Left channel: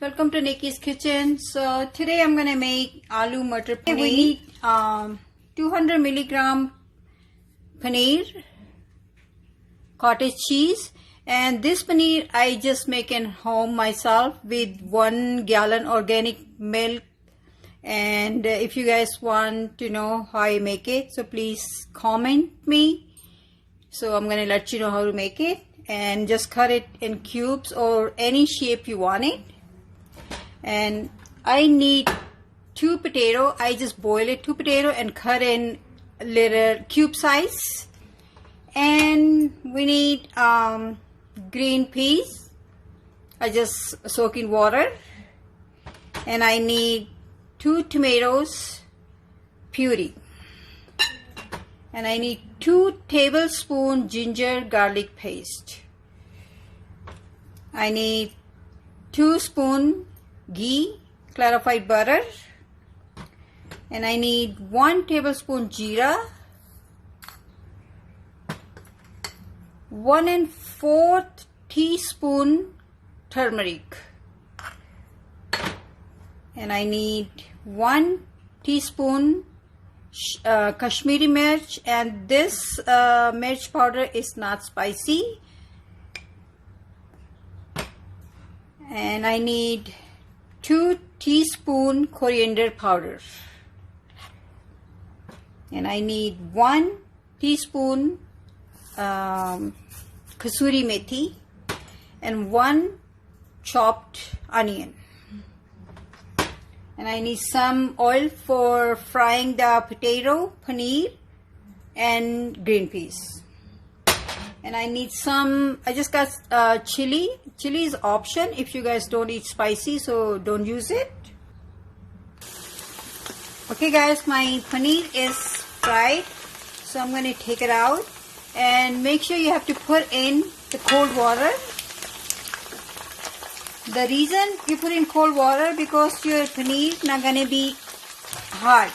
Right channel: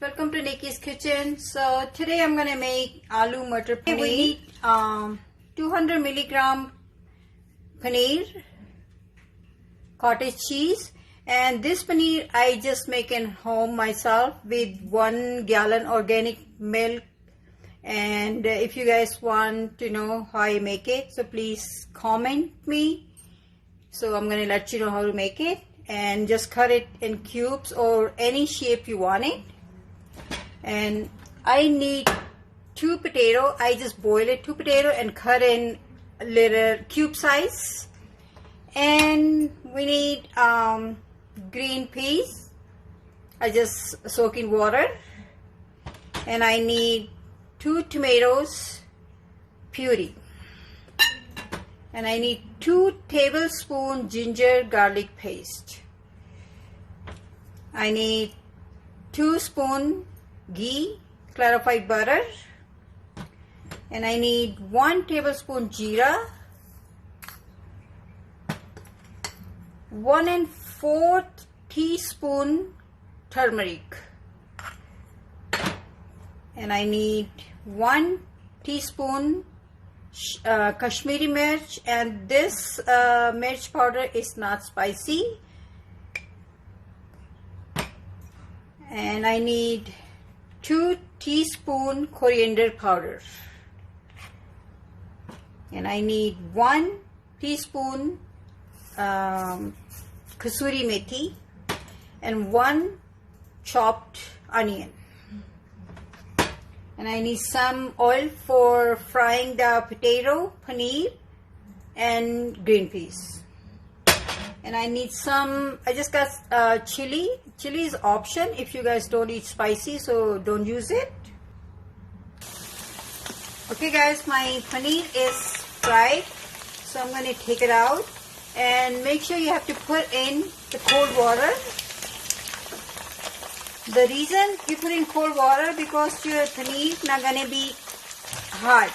Welcome to Nikki's Kitchen. So today I'm gonna make Aloo Matar Paneer. We need 200 milligram paneer, cottage cheese, and this paneer I just make in home myself with 1 gallon organic milk. And if you guys want to know how I make it, so please comment me. So I'm gonna let you know how to make it, and just cut it in cubes or any shape you want it. And I need 2 potato. I just boil it 2 potato and cut in little cube size. And we need green peas. I just soak in water. And I need 2 tomatoes puree. And I need 2 tablespoon ginger garlic paste. I need 2 spoon GHEE, clarified butter, and I need 1 tablespoon Jeera, 1 1/4 teaspoon turmeric, and I need 1 teaspoon Kashmiri mirch, and this mirch powder is not spicy, and I need 2 teaspoon coriander powder, and I need 1 teaspoon Kasuri Methi, and 1 chopped onion, and I need some oil for frying the potato, paneer, and green peas. And I need some, I just got chili. Chili is option if you guys don't eat spicy, so don't use it. Okay guys, my paneer is fried, so I'm going to take it out. And make sure you have to put in the cold water. The reason you put in cold water, because your paneer is not going to be hard.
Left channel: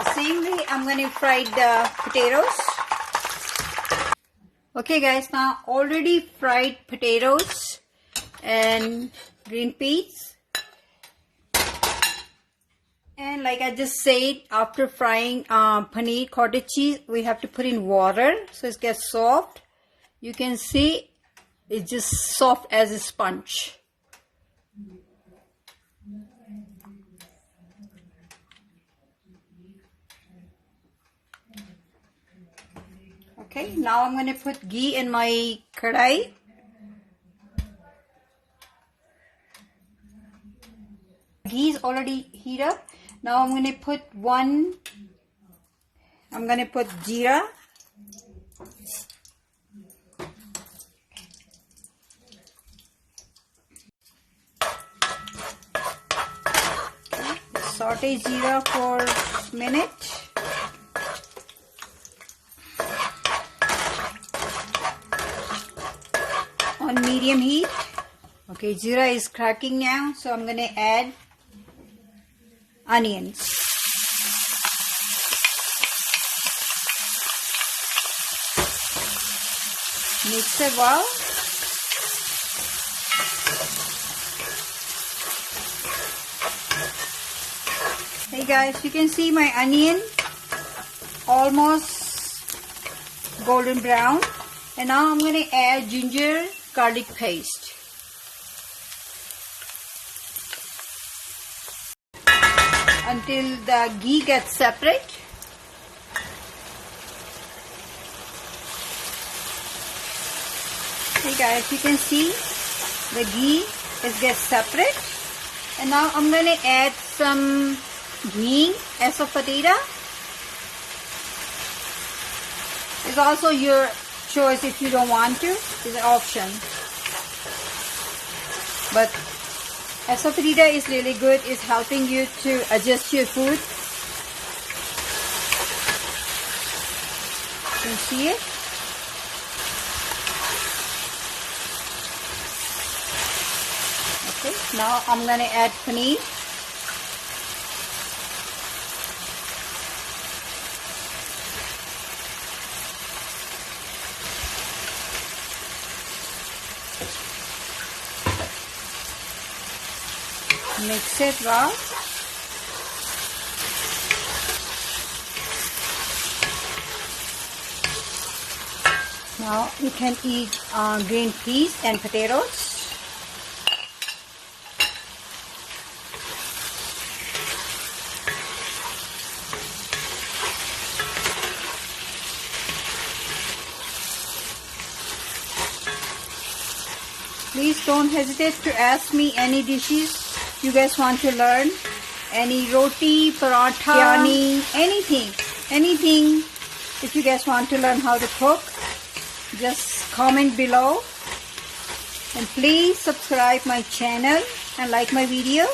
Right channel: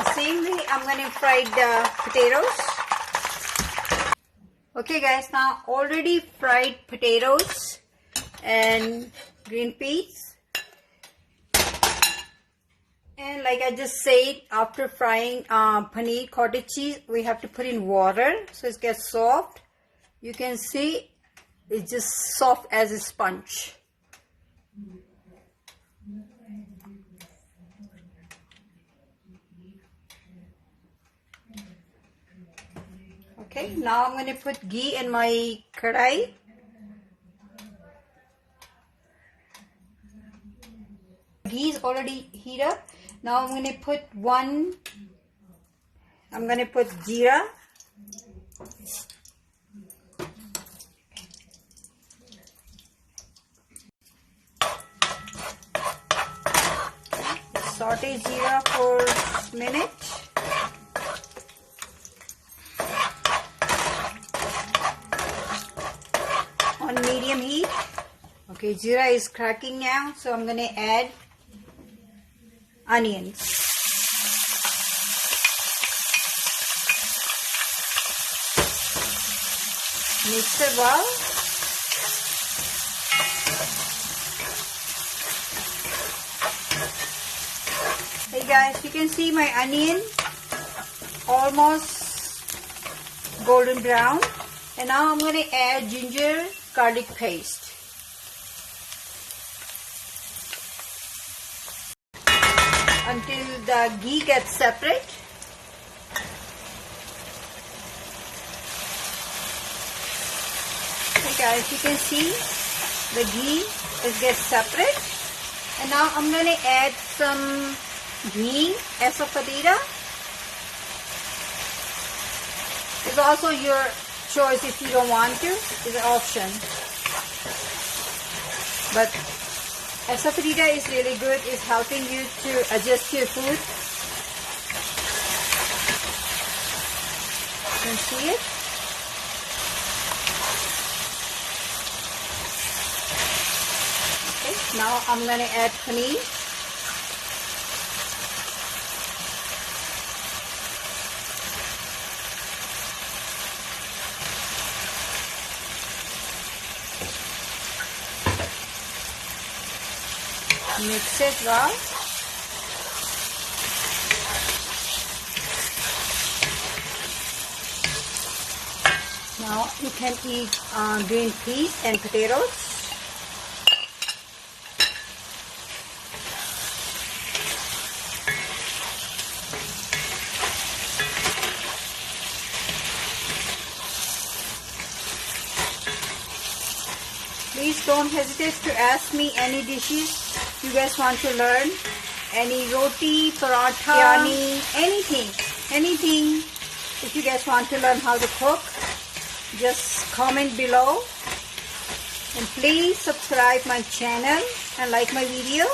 The same way I'm going to fry the potatoes. Okay guys, now already fried potatoes and green peas, and like I just said, after frying paneer, cottage cheese, we have to put in water so it gets soft. You can see it's just soft as a sponge. Okay, now I'm going to put ghee in my kadai. Ghee is already heated up. Now I'm going to put Jeera. Saute Jeera for a minute. On medium heat. Okay, Jeera is cracking now, so I'm going to add onions. Mix it well. Hey guys, you can see my onion almost golden brown. And now I'm going to add ginger garlic paste. Until the ghee gets separate. Okay guys, you can see the ghee gets separate. And now I'm going to add some ghee, ASAFOETIDA. It's also your choice if you don't want to. It's an option. But ASAFOETIDA is really good. It's helping you to adjust your food. You can see it. Okay, now I'm going to add paneer. mix it well. Now you can eat green peas and potatoes. Please don't hesitate to ask me any dishes you guys want to learn. Any roti, paratha, biryani, anything. If you guys want to learn how to cook, just comment below. And please subscribe my channel and like my video.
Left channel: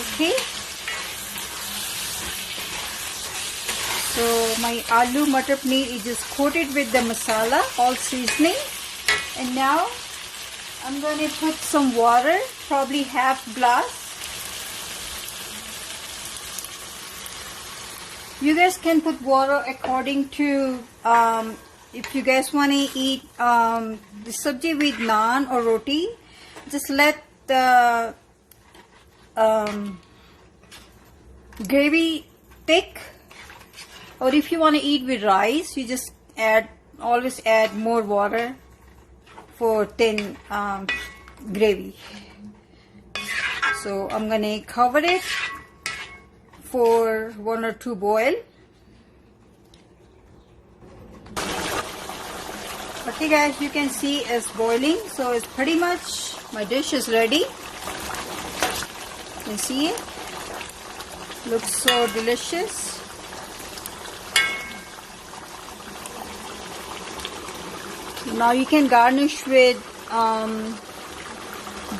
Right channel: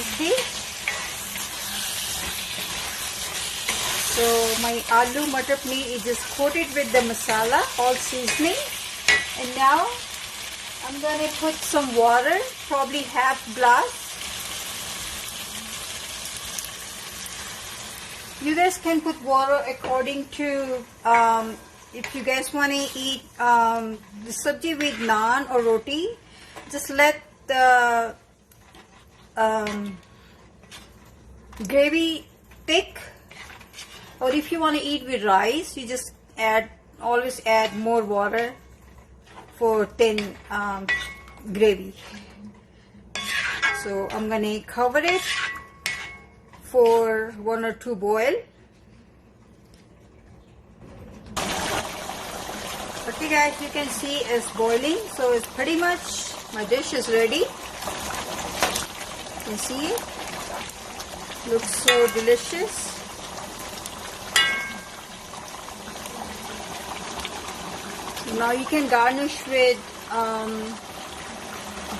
Okay. So my aloo matar paneer is just coated with the masala, all seasoning. And now I'm going to put some water, probably half glass. You guys can put water according to if you guys want to eat the sabji with naan or roti. Just let the gravy thick. Or if you want to eat with rice, you just always add more water for thin gravy. So I'm going to cover it for 1 or 2 boil. Okay guys, you can see it's boiling, so it's pretty much, my dish is ready. You can see it. Looks so delicious. Now you can garnish with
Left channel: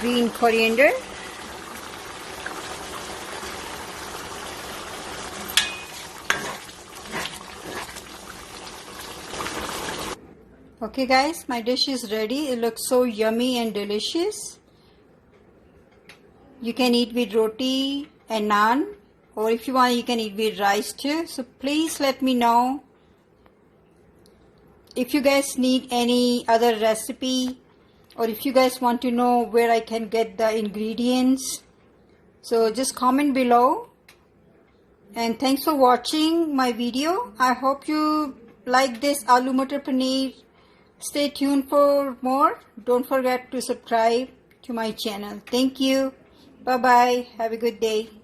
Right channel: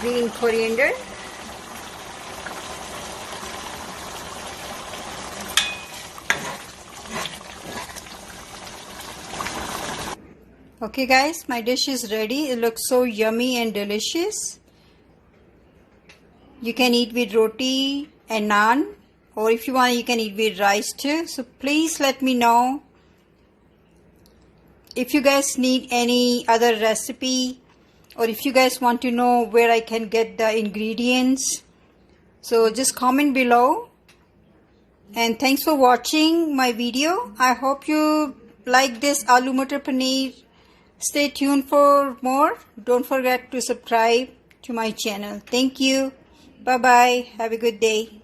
green coriander. Okay guys, my dish is ready. It looks so yummy and delicious. You can eat with roti and naan, or if you want you can eat with rice too. So please let me know if you guys need any other recipe, or if you guys want to know where I can get the ingredients. So just comment below. And thanks for watching my video. I hope you like this aloo matar paneer. Stay tuned for more. Don't forget to subscribe to my channel. Thank you. Bye bye. Have a good day.